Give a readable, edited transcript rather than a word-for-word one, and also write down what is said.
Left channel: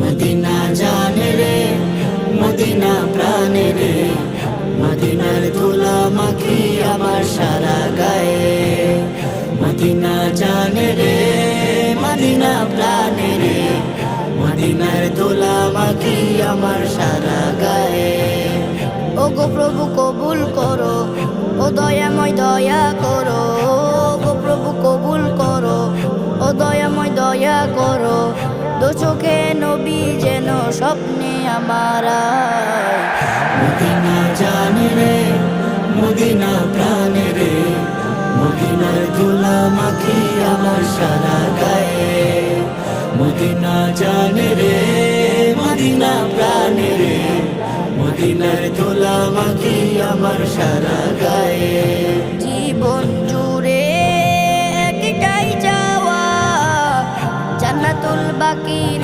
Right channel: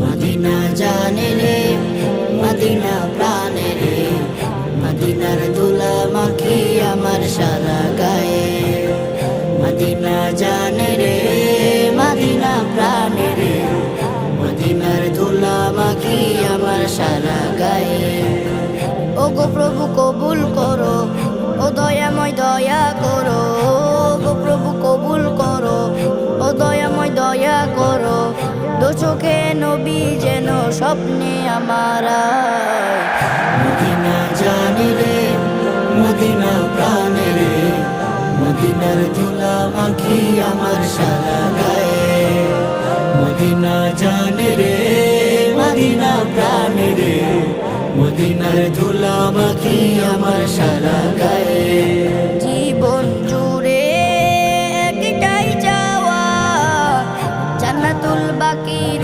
Medina জানে রে, Medina প্রাণে রে, মদিনার ধুলা মাখি আমার সারা গায়ে। মদিনা জানে রে, মদিনা প্রাণে রে, মদিনার ধুলা মাখি আমার সারা গায়ে। ওগো প্রভু কবুল করো, ও দয়াময় দয়া করো। ওগো প্রভু কবুল করো, ও দয়াময় দয়া করো। দু চোখে নবী যেন স্বপ্নে আমার আয়। মদিনা জানে রে, মদিনা প্রাণে রে, মদিনার ধুলা মাখি আমার সারা গায়ে। মদিনা জানে রে, মদিনা প্রাণে রে, মদিনার ধুলা মাখি আমার সারা গায়ে। জীবন জুড়ে একটাই চাওয়া, জান্নাতুল বাকির